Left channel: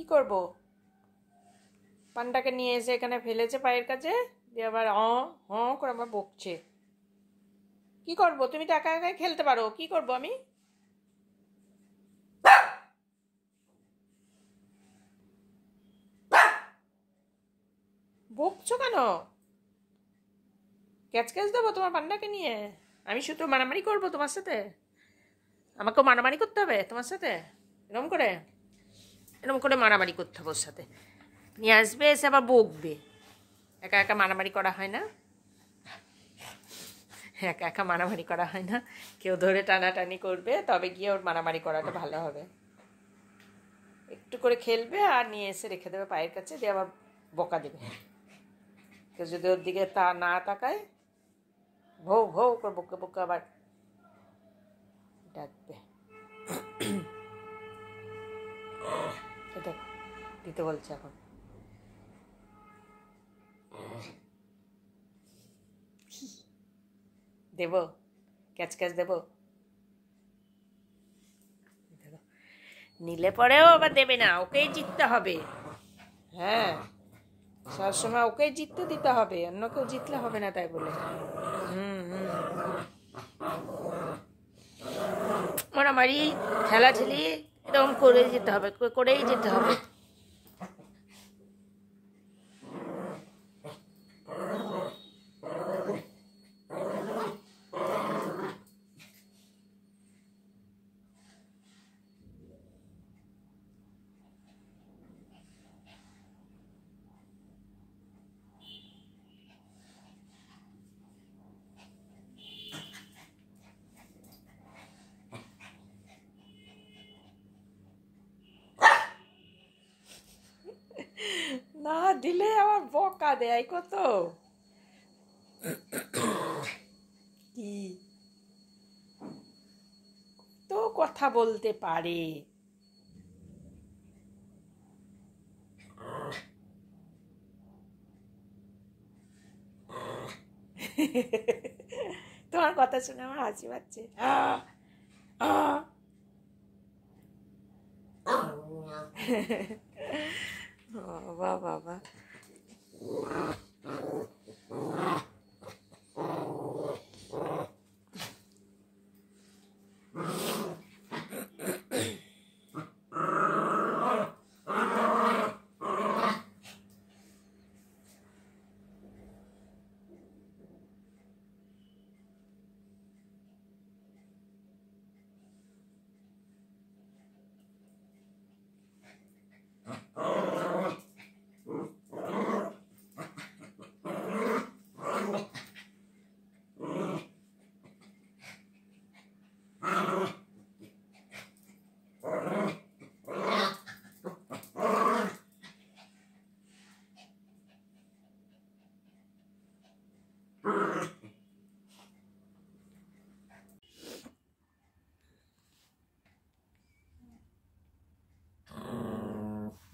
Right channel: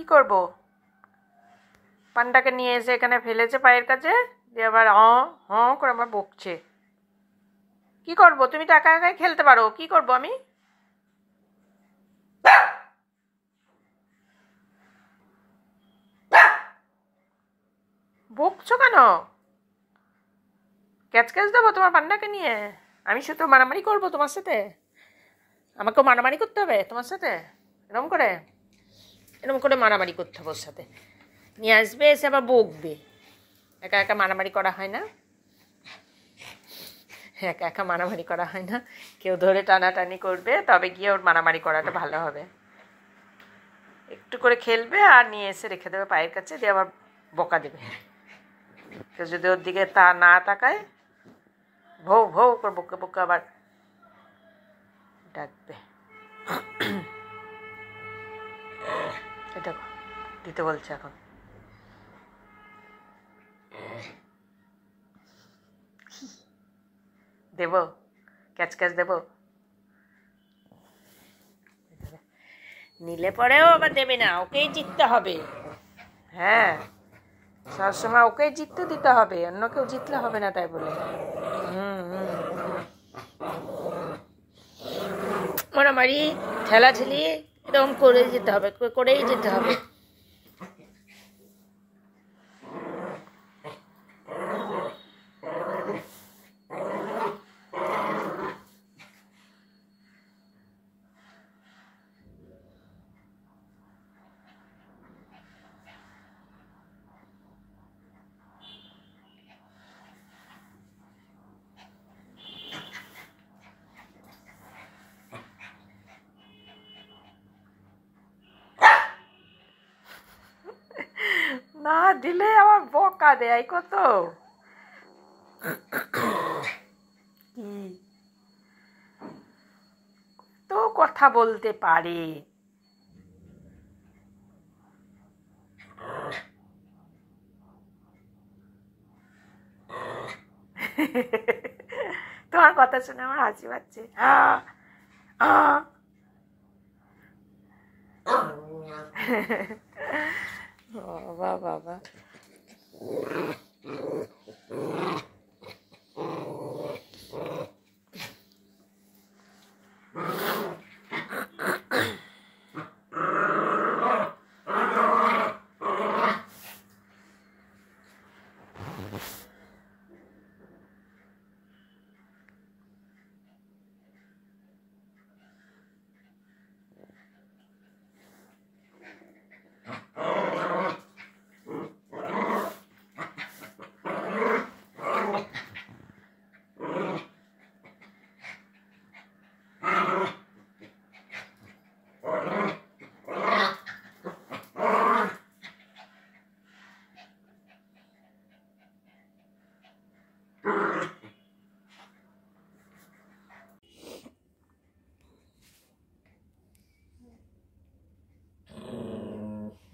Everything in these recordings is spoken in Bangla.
কি করব? পান্ডাকে নিয়ে এসে এখানে ফেলেছে পায়ের কাছে, দিয়ে আবার করে আমার বকছে। কি করব? তুমি তো একা একাই খেলতে পারো, কি করব আমি? বকছো কেন? ক্যাচ ক্যাচ দেবো তোমার পান্ডাকে নিয়ে? আমি শুধু মারামারি করবো তোমার সাথে? আমাকেও মারামারি করতে হবে তোমার সাথে? এরকম করে মারামারি করতে হবে ওর সাথে। নিয়ে আসবে, এসে আবার বকবে। একা একা মারামারি করা হয় না, একা একা মারামারি করা হয় না। কেউ ধরে টানাটানি করবে, তবে গিয়ে ওর মারামারি করাটা ভালো হবে। একটু করে খেলবে আর নিয়ে এসে রেখে দেবে পায়ের কাছে, দিয়ে আবার বকা দেবে। কেউ যদি ওর দিকে না তাকায়, ভৌ ভৌ করে বকে বকে আবার ডাকবে। এটা দিতে বলছে এখন। দেব ক্যাচ ক্যাচ দেব? নিলে পরেও আবার দেবে না, ওকেই জিততে হবে। হ্যাঁ, সবসময় ওকেই জিততে দিতে হবে, অন্য কেউ জিতলে হবে না তাই বলে। মারামারি ঠেলাঠেলি এরকম করেই যেতে হবে। না দিলে আবার বকা দেয় কত। কি তো কথা বলতে পারে। তোমার কথা শুনে আমার হাসি পাচ্ছে। বাবা বাবা।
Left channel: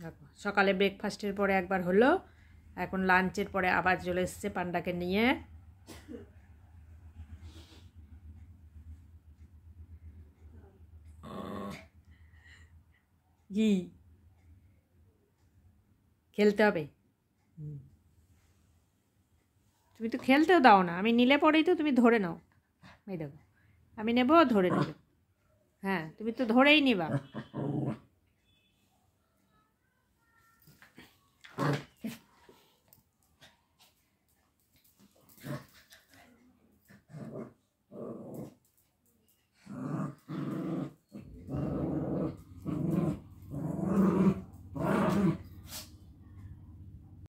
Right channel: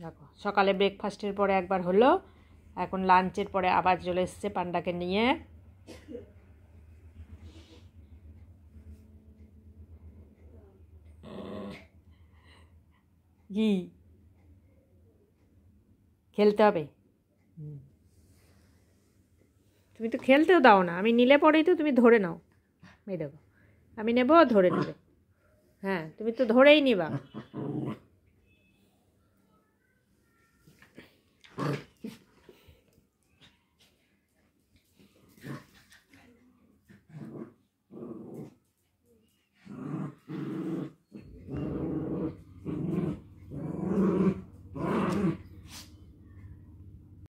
দেখো, সকালে ব্রেকফাস্টের পরে একবার হলো, এখন লাঞ্চের পরে আবার চলে এসছে পান্ডাকে নিয়ে। কি খেলতে হবে? তুমি তো খেলতেও দাও না, আমি নিলে পরেই তো তুমি ধরে নাও। এই দেখো, আমি নেবো, ধরে নেবে। হ্যাঁ, তুমি তো ধরেই নিবা।